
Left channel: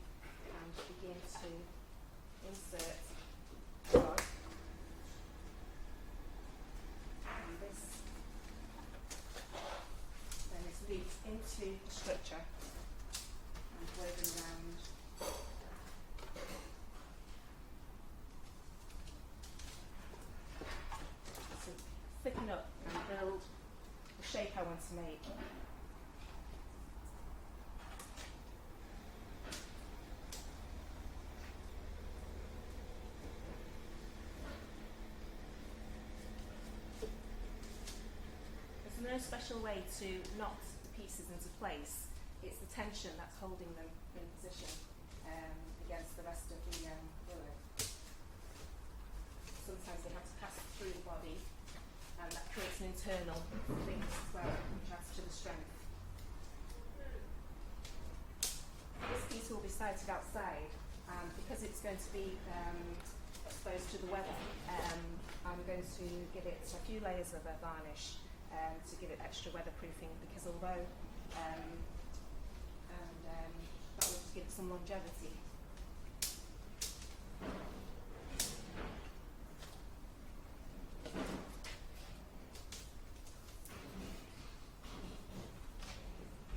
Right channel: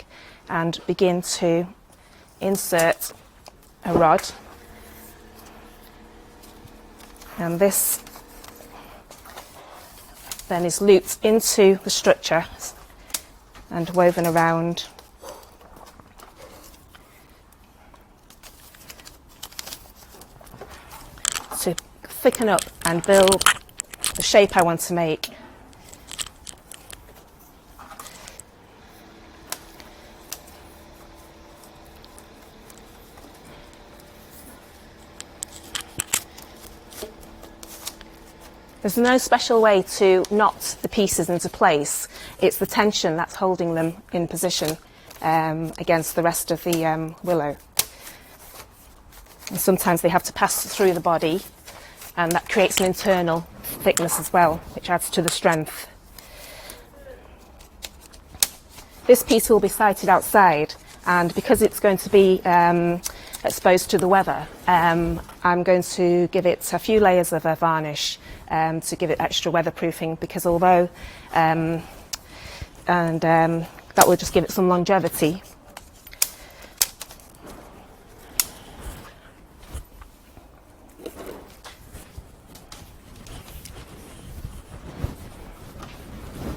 and begin to insert a rod. And this then is looped into the structure and woven around. To thicken up and build the shape I want to make. There's no special way to knot the pieces into place. It's the tension that's holding them in position against the rest of the willow. And sometimes they have to pass through the body, and that creates an internal thickness as well, which adds to the strength. This piece will be sited outside, and because it's going to be exposed to the weather, I'm going to give it a few layers of a varnish to give it extra weatherproofing, because although that will just give it some longevity.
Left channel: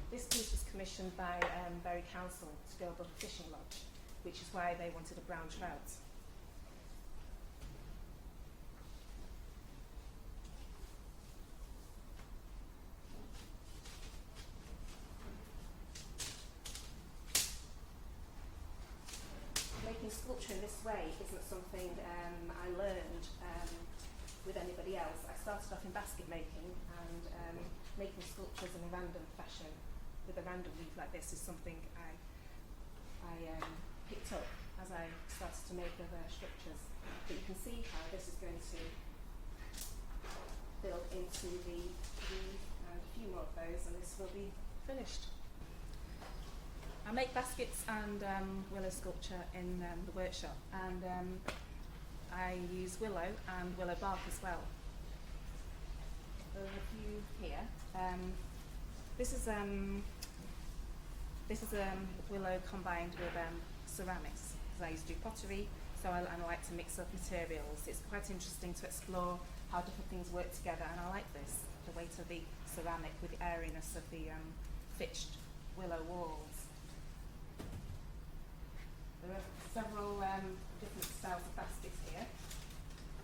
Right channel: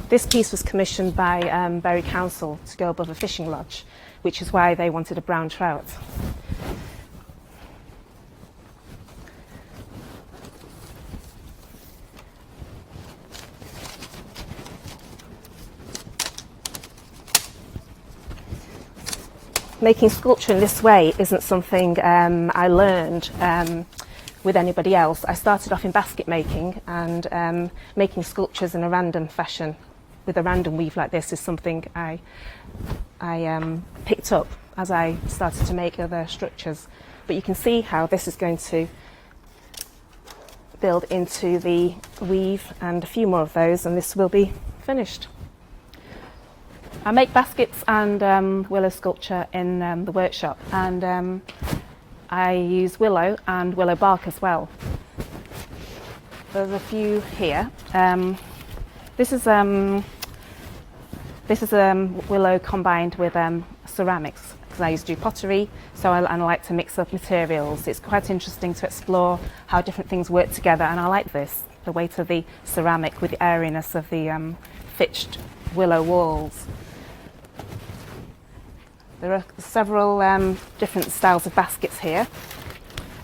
This piece was commissioned by Bury Council to go above a fishing lodge, which is why they wanted a brown trout. Making sculpture in this way isn't something I learned with anybody else. I started off in basket making, and making sculptures in a random fashion with a random weave like this is something I picked up as I started to make other structures. But you can see how this is going to build into the weave, and a few more of those, and this will be finished. I make baskets and willow sculpture in the workshop, and I use willow and willow bark as well. There's a few here. This is willow combined with ceramics, because I used to do pottery, so I like to mix up materials. It's quite interesting to explore how different things work together, and I like this, the weight of the ceramic with the airiness of the fitched willow walls. There are several different styles of baskets here.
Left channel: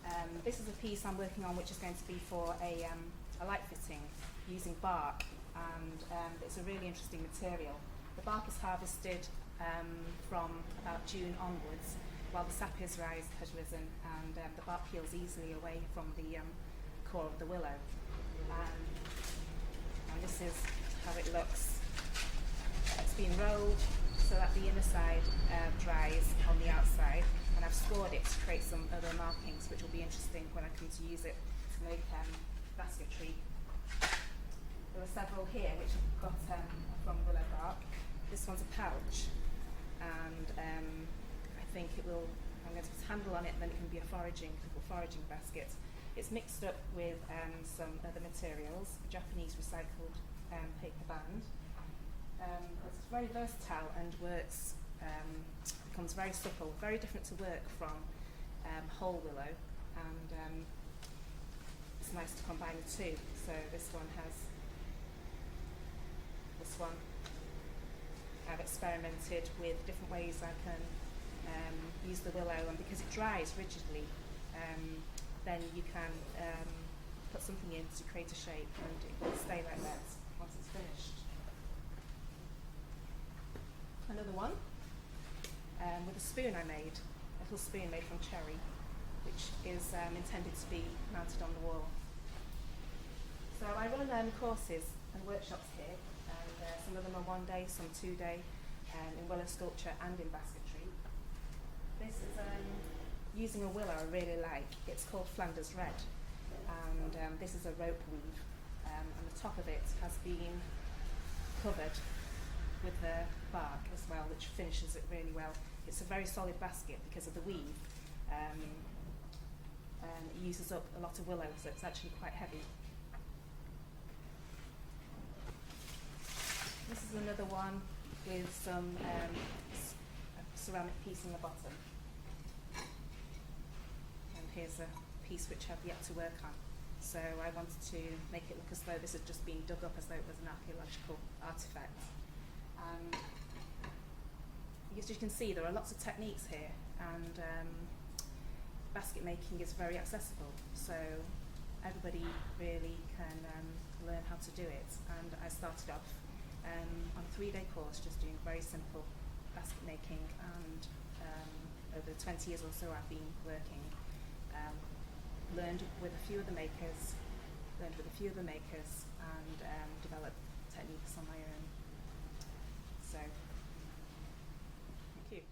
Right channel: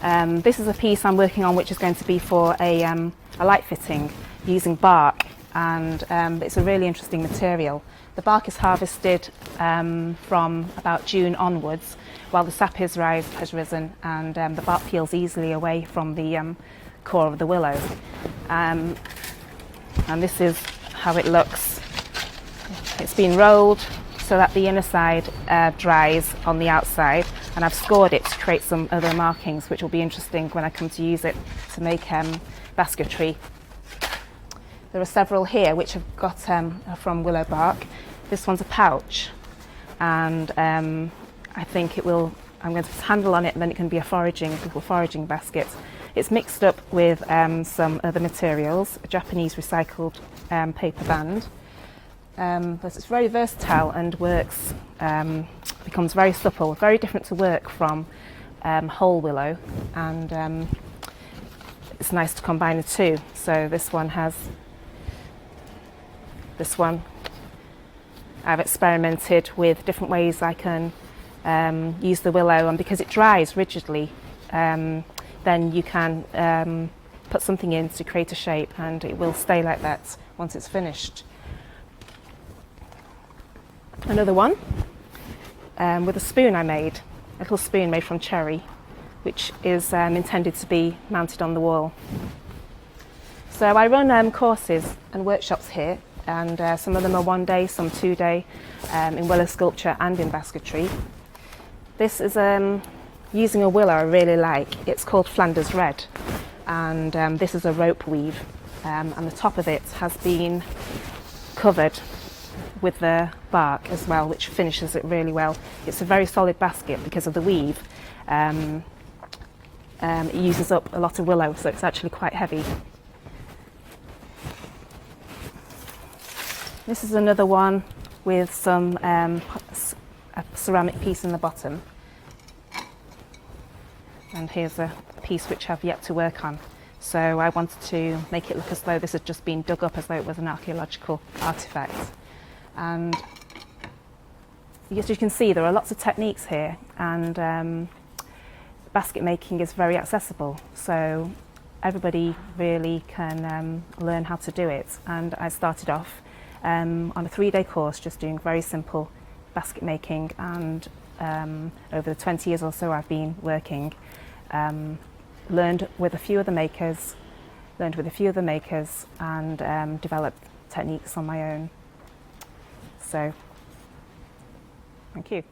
This is a piece I'm working on, which is going to be for a light fitting using bark, and it's a really interesting material. The bark is harvested from about June onwards, while the sap has risen, and the bark peels easily away from the core of the willow. And this is how it looks. It's been rolled so that the inner side dries on the outside, and I've scored it to create some other markings, which will be interesting when I come to use it to make basketry. There are several here which have got from willow bark. This one's a pouch, and I think I'm going to put a handle on it, and then it can be a little foraging basket. It's mixed up with some other materials, a Japanese recycled paper band. But it's very versatile and works, becomes very supple, very different to work from whole willow, and it's nice to combine the two. So this one I've experimented with different ways I can use the willow, and because it dries rigidly, then you can put something in to create a shape, and it will stay like that once it's finished. Another one with a spoon I made, a little spoon made from cherry, which is intended to be mounted on the wall. So I run courses and workshops here and some of them are 1 day, some 2 day, in willow sculpture and in basketry. This is using a willow I really like. It's called Flanders Red, and this is a rope weave, and the top of it has been covered with the bark as well, which finishes it really well. It's a very solid basket because of the weave. It uses up a lot of willow, so it's actually quite heavy. This is another one with some a ceramic piece in the bottom. And here's a piece which I've yet to work on. So I wanted to make it look as though this had just been dug up, as though it was an archaeological artefact. And as you can see, there are lots of techniques here, and basket making is very accessible. So everybody really can learn how to do it. And I started off on a 3-day course just doing very simple basket making, and over the 20 years or so I've been working, learned with a few of the makers, and developed techniques on my own. So, thank you.